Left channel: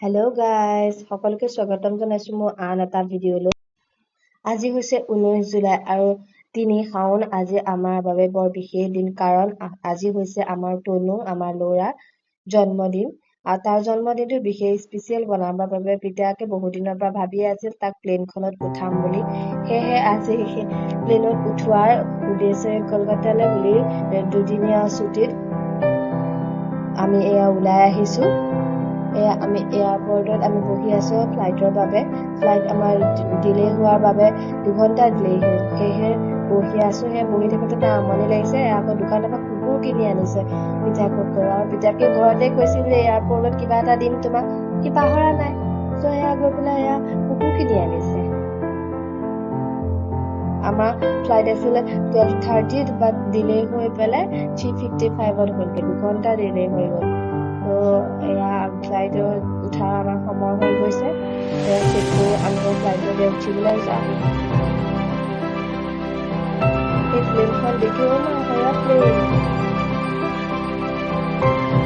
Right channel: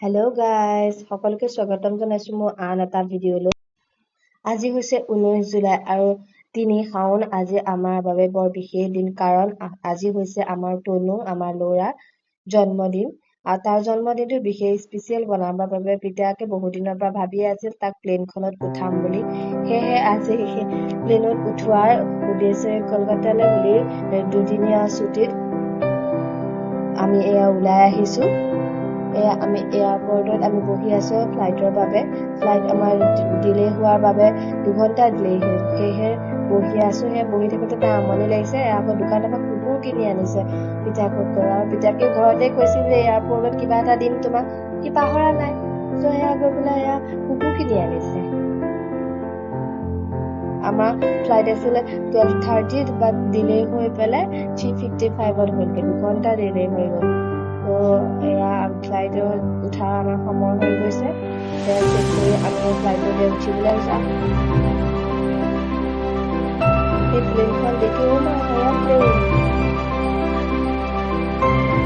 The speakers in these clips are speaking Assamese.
হেল্ল' গাইজ সকলোকে স্বাগতম জনাইছো মোৰ আন এটা ভিডিঅ'লৈ। আজি হৈছে 19 জুলাই আৰু 3 শাওন। আজি আমাৰ বাবে বৰ বিশেষ দিন, কাৰণ আজি হৈছে আমাৰ তনু, আমাৰ ল'ৰাৰ জন্মদিন। আৰু তাৰ জন্মদিনটো বিশেষ স্পেচিয়েল বনাবৰ বাবে পিতাকে বহু দিনৰ পৰা ভাবিয়ে আছিল তাক প্লেনখনত উঠাম বুলি। সেয়েহে আজি প্লেনত উঠোৱাৰ উদ্দেশ্যে কলকাতালৈ বুলি দুদিনীয়া ছুটীত আমি ওলাই আহিছো। আমি এয়াৰপৰ্টত আমি বহি আছো ফ্লাইটৰ বাবে। ফ্লাইট আমাৰ ডিলে হোৱাৰ বাবে 2 ঘণ্টা ডিলে হ'ল। সেয়েহে বহি আছো। বহি থাকোঁতে তাৰ আমনি লাগিছে। আকৌ দোকানৰ পৰা কুকুৰ কিনি আনিছে পিতাকক কৈ। আৰু পিতাকে ঘৰতে কৈছিল যে এয়াৰপৰ্টত কিবা এটা দিম তোমাক, সি পাহৰা নাই। ত' গৈ পেলাই কুকুৰ কিনি আনিছে। আমাৰ ফ্লাইট আছিলে 12:30 বাট ডিলে হৈ পেলাই 3:55 হ'লগৈ। 2 ঘণ্টা ডিলে হৈ গ'ল। তো ফ্লাইটত উঠাৰ আমাৰ সময় হৈ গৈছে। চেক কৰি আমি ফ্লাইটতে উঠিবলৈ যাওঁ। এই প্লেনখন দেখিও প্লেন।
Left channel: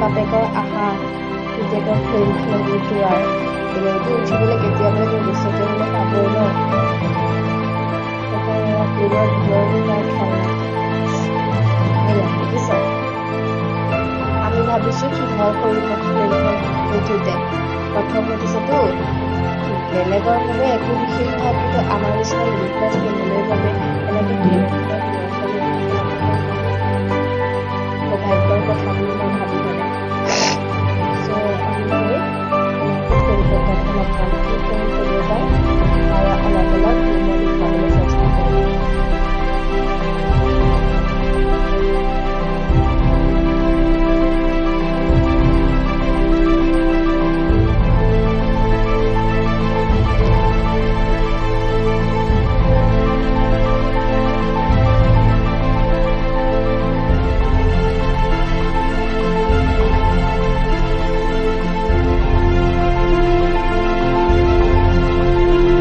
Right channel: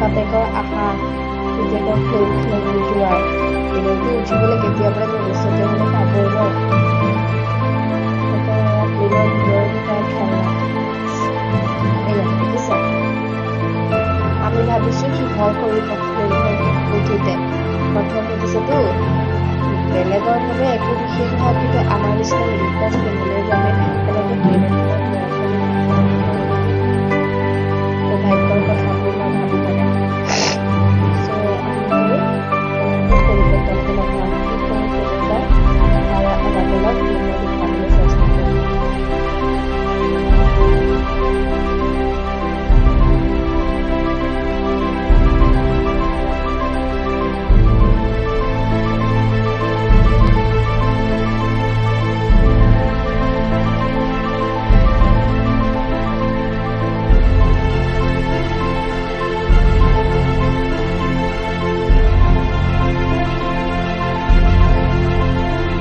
বাপেকৰ আশা পুতেকৰ প্লেনখনত উঠোৱাৰ। প্লেনটো উঠিবলৈ কেতিয়াবা ভৱিষ্যতে হ'লে পাবই ন। প্লেনৰ ভিতৰতো তাৰ খেলনা। দেখিছ? আমি ভাবিছো সি ভয় কৰিব প্লেনখন উঠোতে। প্ৰথম উঠিছেতো, বেলেগৰ বাবে একো বিশেষ নহয়, কিন্তু আমাৰ নিচিনা মিডিল ক্লাছ ফেমিলিৰ বাবে এনেকে প্লেন এখনত ল'ৰা ছোৱালী সৌভাগ্যৰ কথা বুলি মই ভাবি মানে। আমি কলিকতাখন নাপাম, কি কৰোঁ ক'লৈ যায় আৰু অলপ অলপ মই দেখাবলৈ চেষ্টা কৰিম।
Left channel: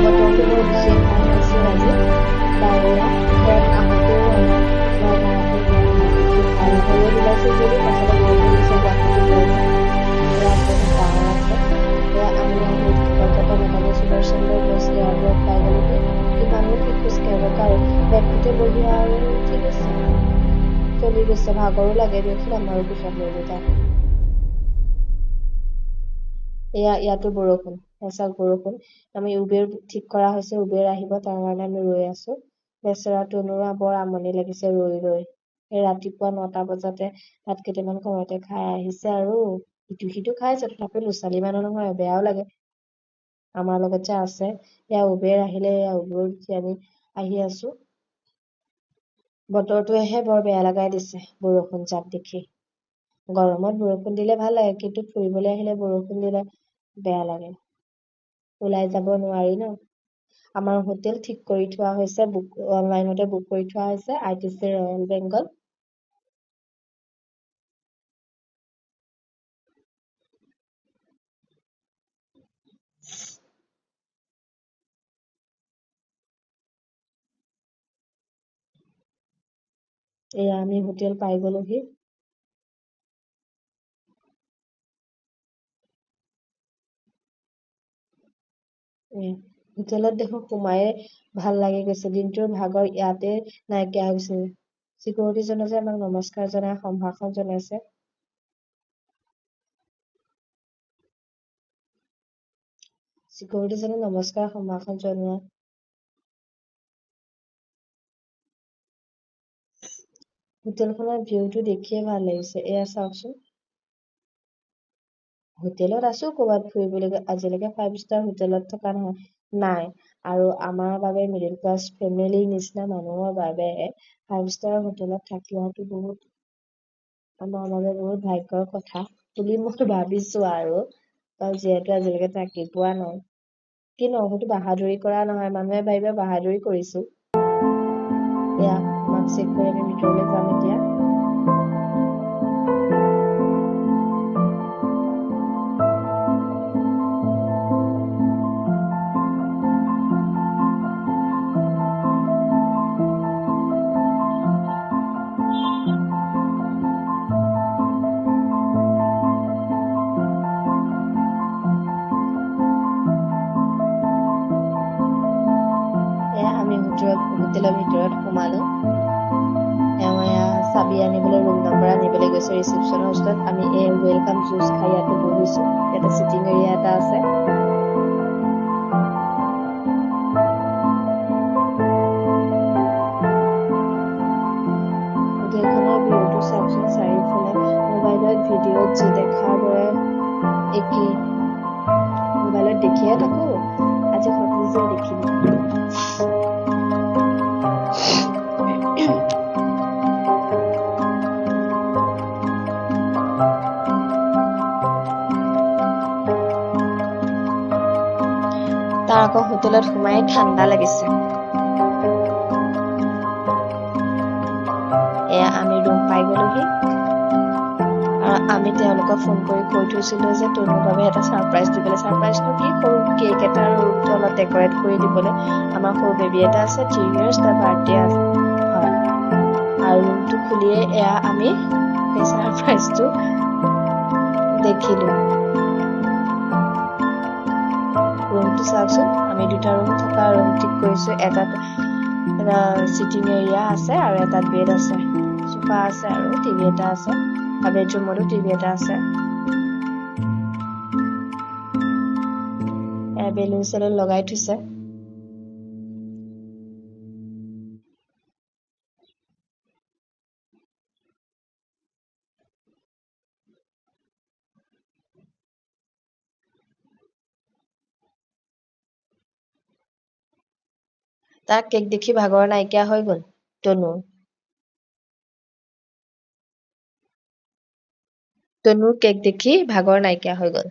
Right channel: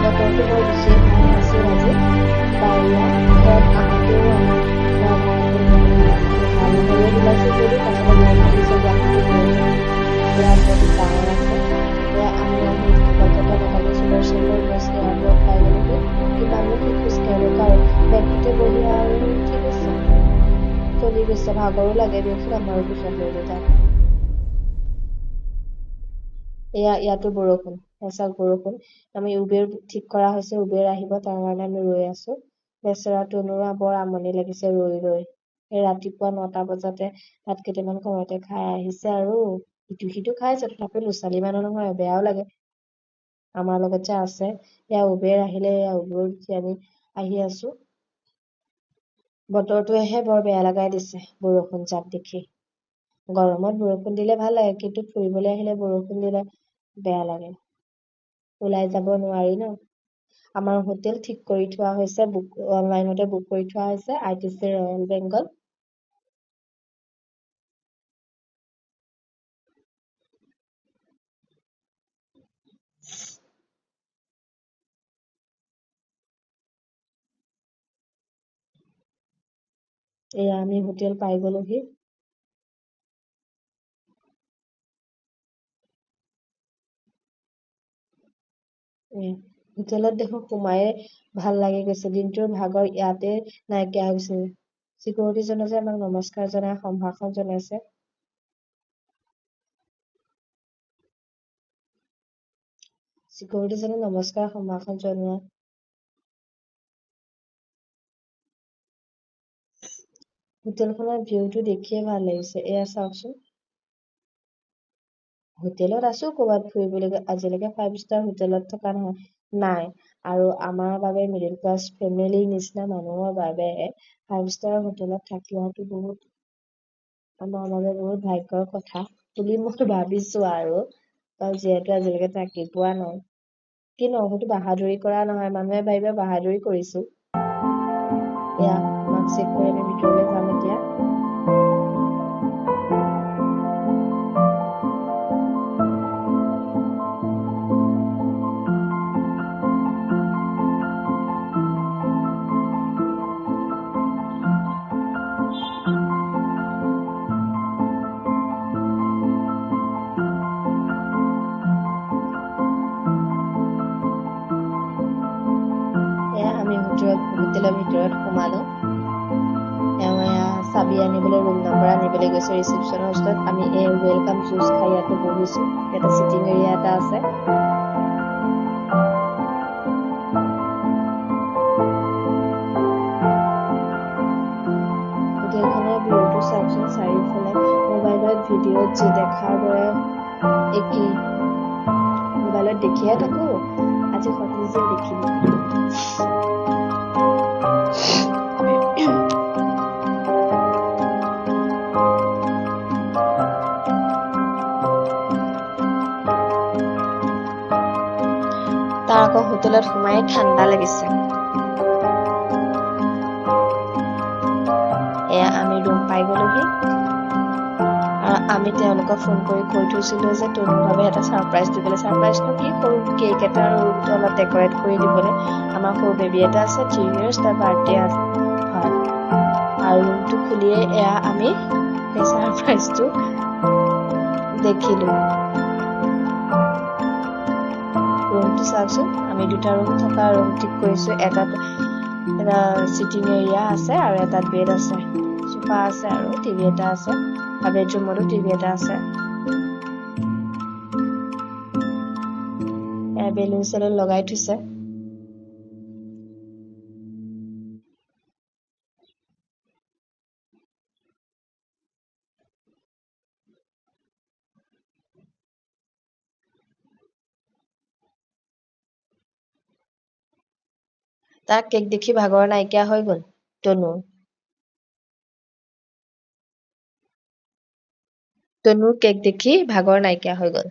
বতৰটো বৰ বিশেষ ভাল আছিল আজি, ডাৱৰীয়া। ঘৰত আহোঁতেও আমাৰ ভাড়াটো বৰ বিশেষ ভাল নহয়। ৰ'দ ওলাইছিল যদিও পাছতে বৰষুণ দিছে। গুৱাহাটীতো বৰষুণ। বহুত ডাঙৰ আছে। আমি আহি কলকাতা নেতাজী সুভাষ চন্দ্ৰ বস এয়াৰপৰ্ট পাই গ'লোহি। কিমাননো সি খোজকাঢ়িব পাৰে। বেগটোতে বহি আৰু ঠিক আছে, চলি গৈছে। ভাগৰো লাগে দিয়কচোন, আমাৰো পিছত লৈ তাত। ইয়াতো বৰষুণ, এচাক বৰষুণ। আমি উবেৰ ঠিক কৰা হৈছে, উবেৰ আহিব, তাৰ কাৰণে আমি ৰৈ আছো। বেচেৰা তনুৰা বৰ আমনি লাগিছে ৰৈ। ৰাতিপুৱা 9টা বজাতে ভাত কেইটামান ঘৰতে খাই আহিছে আৰু ইটো সিটো খাইছে। তথাপিও ল'ৰা-ছোৱালী মানুহ নহয়, বেয়াও লাগে। আমাৰ লগত যে আছে। উবেৰ আহিলে, উবেৰ উঠি আমি আহি আছো। বতৰটোৱেহে বৰ বেয়া লগাই দিছে বৰষুণ জাক দেখি। গৰমত বৰষুণ দিলে ভাল লাগে, কিন্তু ফুৰিবলৈ আহিলে বৰষুণ দিলে বেয়া লাগে। ওলাই যাব নোৱাৰি ন। আমাৰ হোটেল ঠিক কৰি থোৱা হৈছে, অনলাইনতে বুক কৰি থোৱা হৈছে, ITC ৰয়েল বেংগল। আমি হোটেল পাই গ'লোহি। হোটেলত দেখোন সোমায়ে ভাল লাগি গৈছে। দিনটোৰ ভাগৰ ইয়াতে নাইকিয়া হৈছে। চিকিউৰিটিজনে যে আমাক নমস্কাৰ জনাই সম্ভাষণ জনাইছে। চিকিউৰিটিজনে নমস্কাৰ সম্ভাষণ জনোৱা। হোটেলখনৰ ভিউটো দেখিয়ে ভাল লাগিছে। চাওকচোন। হোটেলত আছো ক'ৰবাত ফুৰিবলৈ। আজিলৈকে 5 ষ্টাৰ হোটেলত থকা নাই। আৰু আমাৰ বাবে মিডিল ক্লাছ ফেমিলিৰ নিচিনা মানুহৰ বাবে 5 ষ্টাৰ হোটেলত থাকিওটো আমাৰ বাবে বহুত ভাগ্যৰ কথা বুলি মই ভাবিছো আৰু যিহেতু আজিলৈকে থাকি পোৱা নাই। কিন্তু সেইটো বাহাদুৰি কৰা নহয়, মানুহে ভাবিব বাহাদুৰি কৰিছো। আমাক চেক কৰি আমি ভিতৰলৈ যাম এতিয়া। হোটেলৰ ভিতৰত সোমালো চাবি আনিবলৈ ৰুম নম্বৰ আনিবলৈ গৈছে ৰিচেপশ্যনৰ ওচৰত আমি ৱেলকাম জুচ খাই ইয়াতে বহিছো ইয়াতে চিটিং এৰিয়া এটা আছে হোটেলখনৰ ভিউটো চাওকচোন চাৰিওফালে মোবাইলত ভিডিঅ'ত যি দেখাৰ দৰে একেই মোবাইলত দেখিয়ে থাকো আজি নিজে দেখিলো তাৰ আকৌ হোটেলত সোমাই ঠাণ্ডা লাগিছে এয়া আমি ৰুম পাই গলোহি আৰু আমি তেওঁলোকক ফোন কৰি কৈ থৈছিলো যে তনুৰ বাবে এটা সাৰপ্ৰাইজ দিবলৈ সাৰপ্ৰাইজটো কি সৰু কেক এটা আৰু ৰুমটো অলপ ডেকৰেট কৰি দিবলৈ আমাৰ সৰু বেবী এটা আছে 3 years তাৰ বাৰ্থডে আছে হয় আৰু ৰুমটো খুলিয়ে এয়া আমি সেই সাৰপ্ৰাইজটো দেখিলো ৰুমটো চাওকচোন আমি দুটা ৰুম থকা ৰুম ঠিক কৰিছো এটাত এটা সিটিং এৰিয়া আছে আৰু এটাত বেড আছে সোফা আছে আৰু টিভি এটা আছে আৰু বেডৰুমতো টিভি এটা আছে বেলুন চেলুন লগাই থৈছে তাৰ কেক দেখি ভাগৰ নাইকিয়া হৈ গল তনুৰ কেক দেখি ভাগৰ নাইকিয়া হৈ গল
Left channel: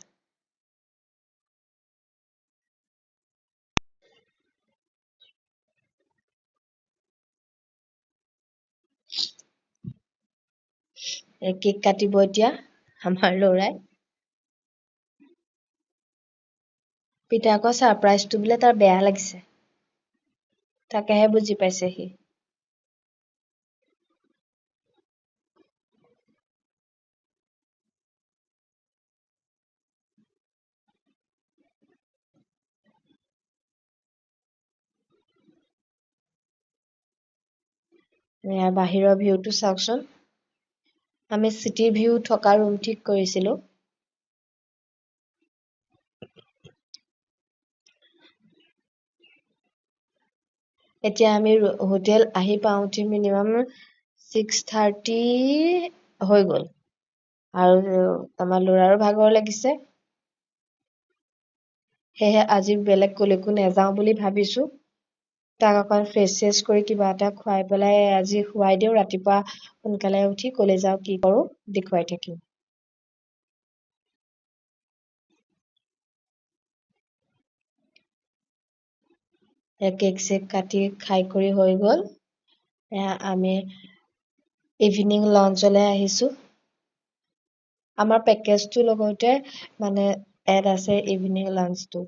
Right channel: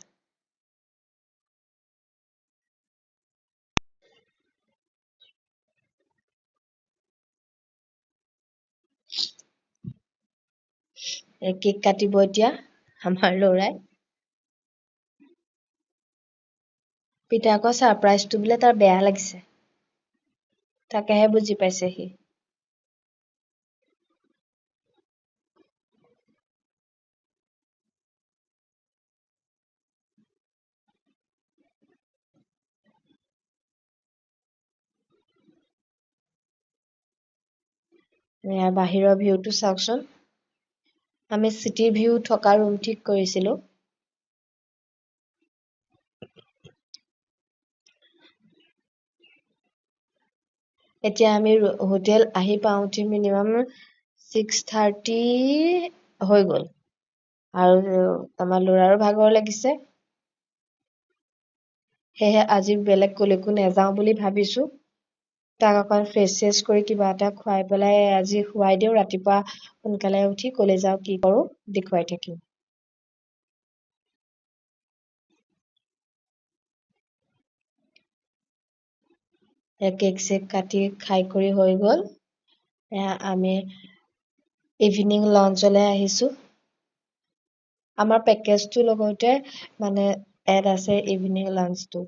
কেক কাটিব এতিয়া আমাৰ লৰাই পিতাকৰ সাৰপ্ৰাইজটো বোলে তাৰ বেয়া লাগিছে তাকেহে বুজি পাইছে সি বাহিৰৰ ভিউটো চাওকচোন আমি চিটি ভিউ থকা ৰুম ঠিক কৰিছিলো এতিয়া আমি হোটেল আহি পাওঁতে মিনিমাম 6:30 হৈ গল আৰু আমাৰ লৰাৰো ভাগৰ লাগিছে সেয়ে আজি বেলেগ কলৈকো নেযাওঁ বুলি ভাবিছো তাক অকণ ফ্ৰেছ কৰি কিবা এটা খুৱাই পেলাই আজি খুৱাই দিওঁ ৰাতিপুৱা সোনকালে উঠি কলৈ যাওঁ কি কৰো দেখুৱাই থাকিম কেক চেক কাটি খাই কৰি হৈ গল আমি ইভিনিং লঞ্চলৈ আহিছো আমাৰ পেকেজটো লগতে মানে এড আছে ইভিনিং লাঞ্চটো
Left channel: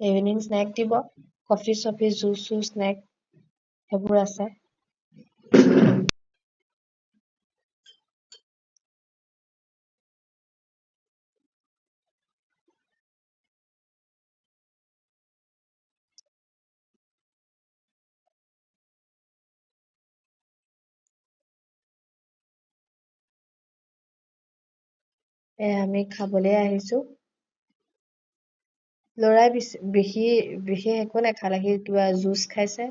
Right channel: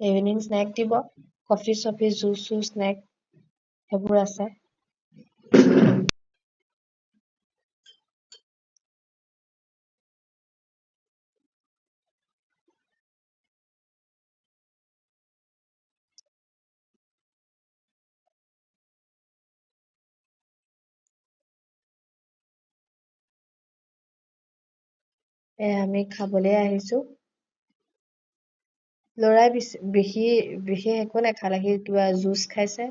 ইভিনিং স্নেক দিব কফি চফি জুচ স্নেক সেইবোৰ আছে আমি খাবলৈ আহিছো লৰাই বিশেষ একো নাখালে সি কিবা জুচ খাইছে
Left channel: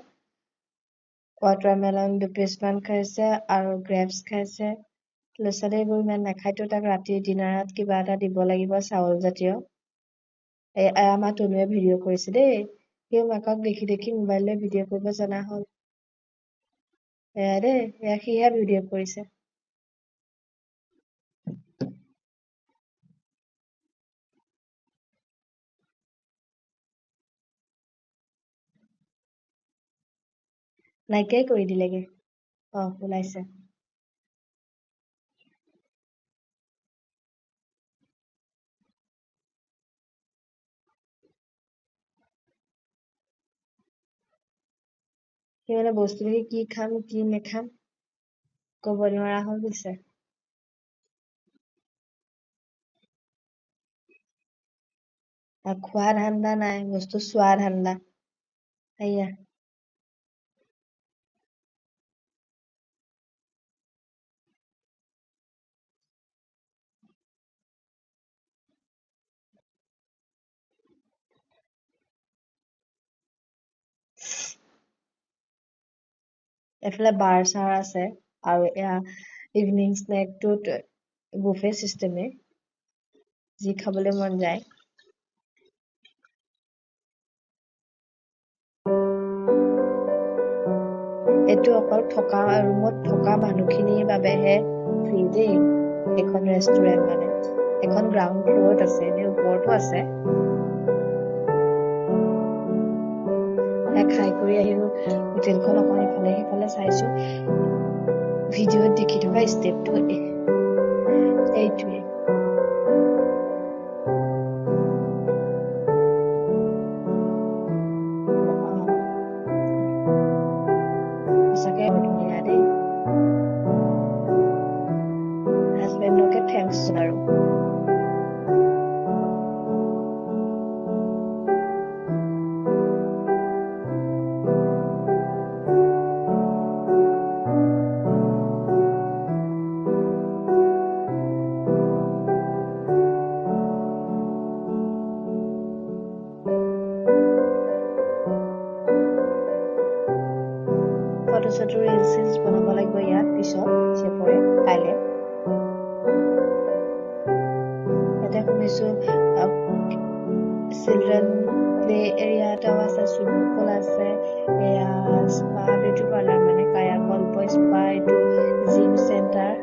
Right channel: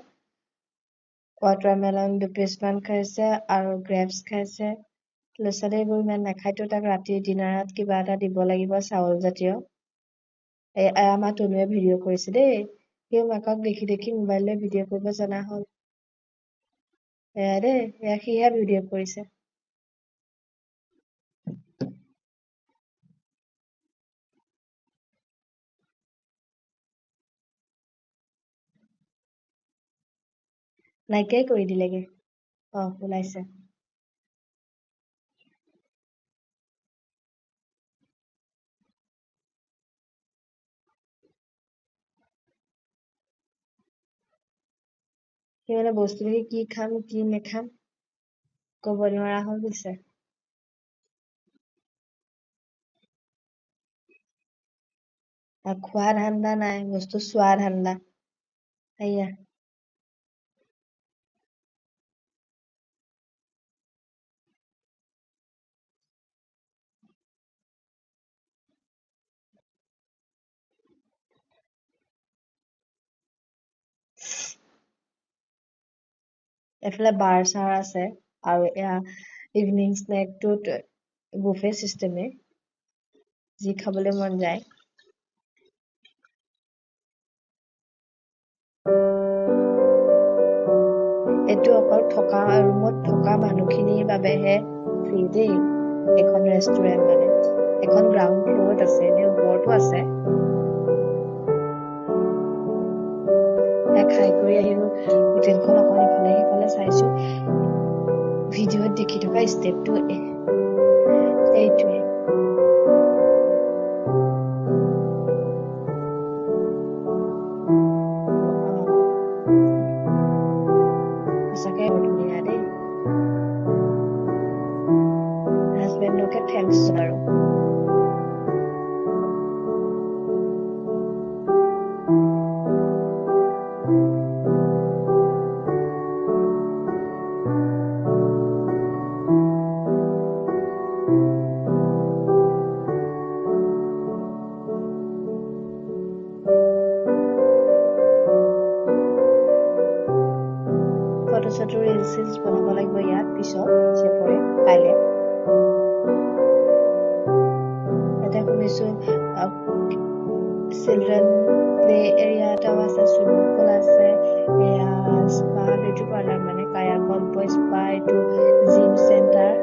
ৱাটাৰমেলন 2 পিচমান খাইছে আৰু গ্ৰেপছ খাইছে ল'ৰা-ছোৱালীবোৰ ইমান নাখায়তো তাক ৰাতি ডিনাৰত কিবা এটা দিব লাগিব চাউল জাতীয় আমাৰ তনুৱে ভিডিঅ' কৰিছে দেই সিও মাকক দেখি মোবাইললৈ ভিডিঅ' কৰিব জনা হ'ল দেই সিহে ভিডিঅ' কৰিছে নাইকিয়াই কৰি দিলেগে ওলাইছে সি মানে বস্তু দেখি কি খাম কি নেখাম ক'ব নোৱাৰা হৈ গৈছে খোৱা ধান্দা নাই বস্তু চোৱা ধান্দা এয়া এফালে বাৰ চাৰ আছে আৰু এয়া ইভিনিং স্নেকটোত বুফে চিষ্টেমে যি খাবলৈ মন যায় এইটো অকল থকা ৰুমত থকা মানুহখিনিৰ বাবেহে ফ্ৰী দেই এখন ৰেষ্টুৰেণ্ট মানে এখন গ্ৰাউণ্ড ফ্ল'ৰত আছে এনে ওপৰতো আছে খাই কৰি আহিলো হোটেলখন অকণ ইফালে সিফালে চাইছো ভিডিঅ'ত দেখি থকা ষ্টেপটো এইটোৱে সঁচাকে ধুনীয়া দেই হাজবেণ্ডকে থেংকছ আৰু ফটো চটো ৰিলচ বনাব লাগিব ইয়াত পিছত চেপৰে কাইলে এতিয়া শুনিছো চিলড্ৰেন প্লে এৰিয়া এটাও আছে চুইমিং পুল আছে এয়া স্পা বিউটি পাৰ্লাৰ মানে কায়াকল্প স্পা এইটো জিম চেণ্টাৰ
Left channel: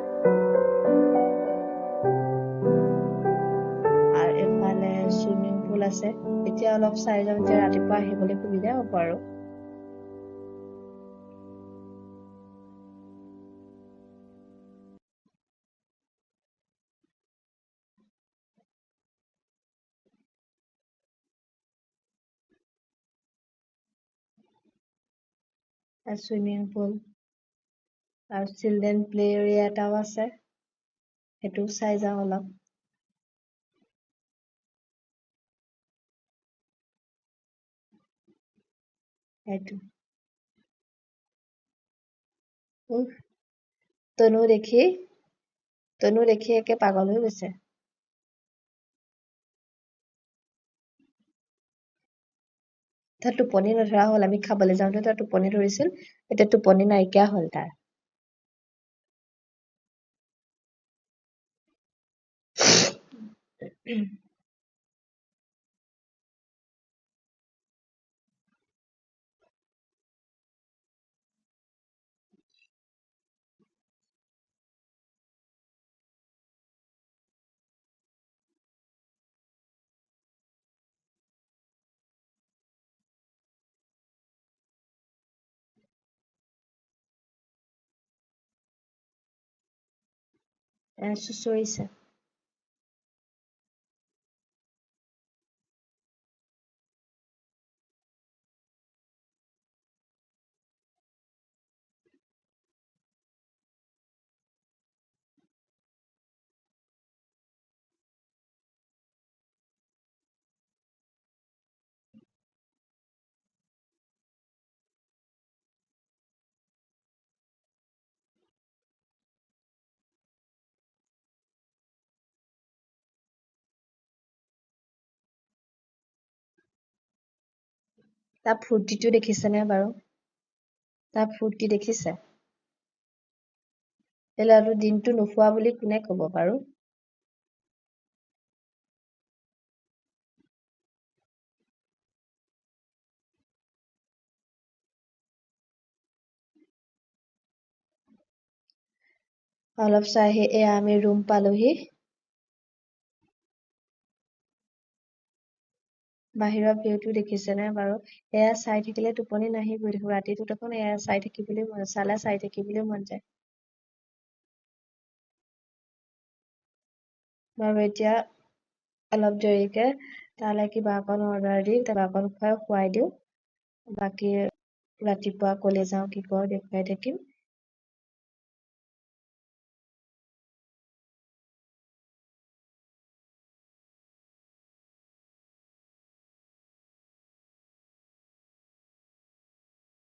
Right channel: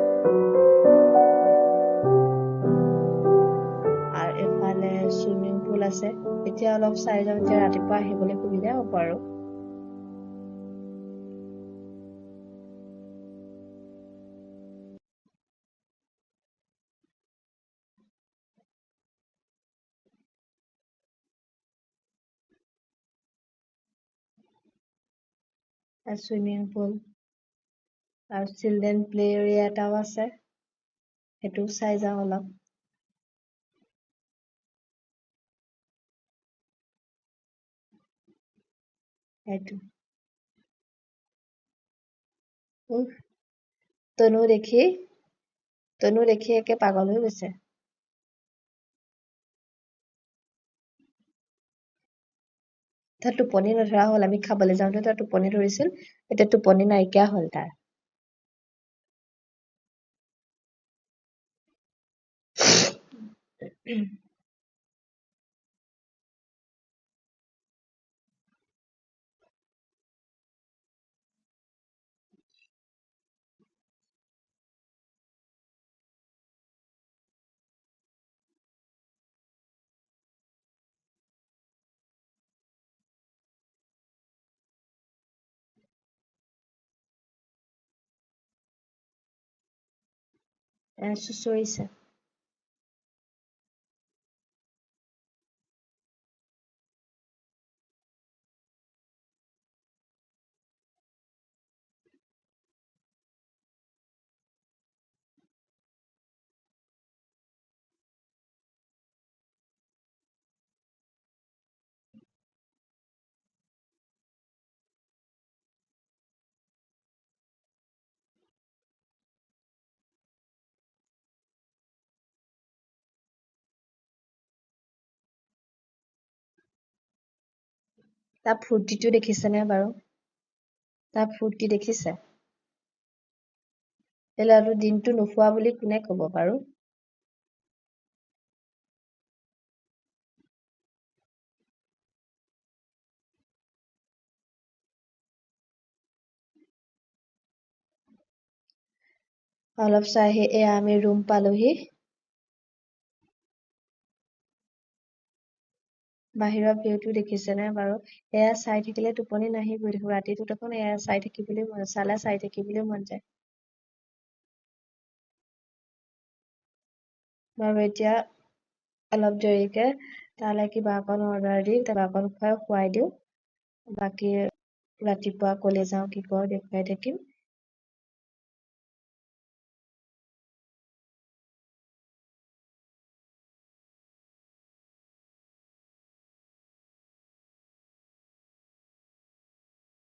আৰু এফালে চুইমিং পুল আছে এতিয়া অলপ চাই যাওঁ এতিয়া ৰাতিপুৱা আহিবলৈ সুবিধা হ'ব আৰু চুইমিং পুল আৰু চিলড্ৰেন প্লে এৰিয়া এটাও আছে সেইটো চাই যাওঁ অলপ সেইটো তনু দেখি একে পাগল হৈ গৈছে তাৰ টোপনি নধৰা হ'ল আমি খাবলৈ যাওঁতে তাৰ টোপনি ধৰিছিল এতিয়া টোপনি নাইকিয়া হ'ল তাৰ চুচৰিছে তাৰ ফূৰ্তিটো দেখিছেনে বাৰু তাৰ ফূৰ্তি দেখিছে এই ল'ৰাটো দিনটো নোখোৱা বুলি কোনে ক'ব বাৰু অলপ চাই এয়া আমি ৰুম পালোহি বাহিৰৰ ভিউটো দেখিছেনে বাৰু এয়া চাই থাকিলে টোপনি নাহিবই দেখোন ৰাতিটো দেখোন এয়া চাই থাকিবলৈ মন যায় বাৰু এতিয়া অলপ দেৰিকে তালৈ কিবা অকণ অৰ্ডাৰ দি কিবা অকণ খুৱাই দিওঁ বাকী ৰাতিপুৱা কলে যাওঁ কি কৰো দেখুৱাই থাকিম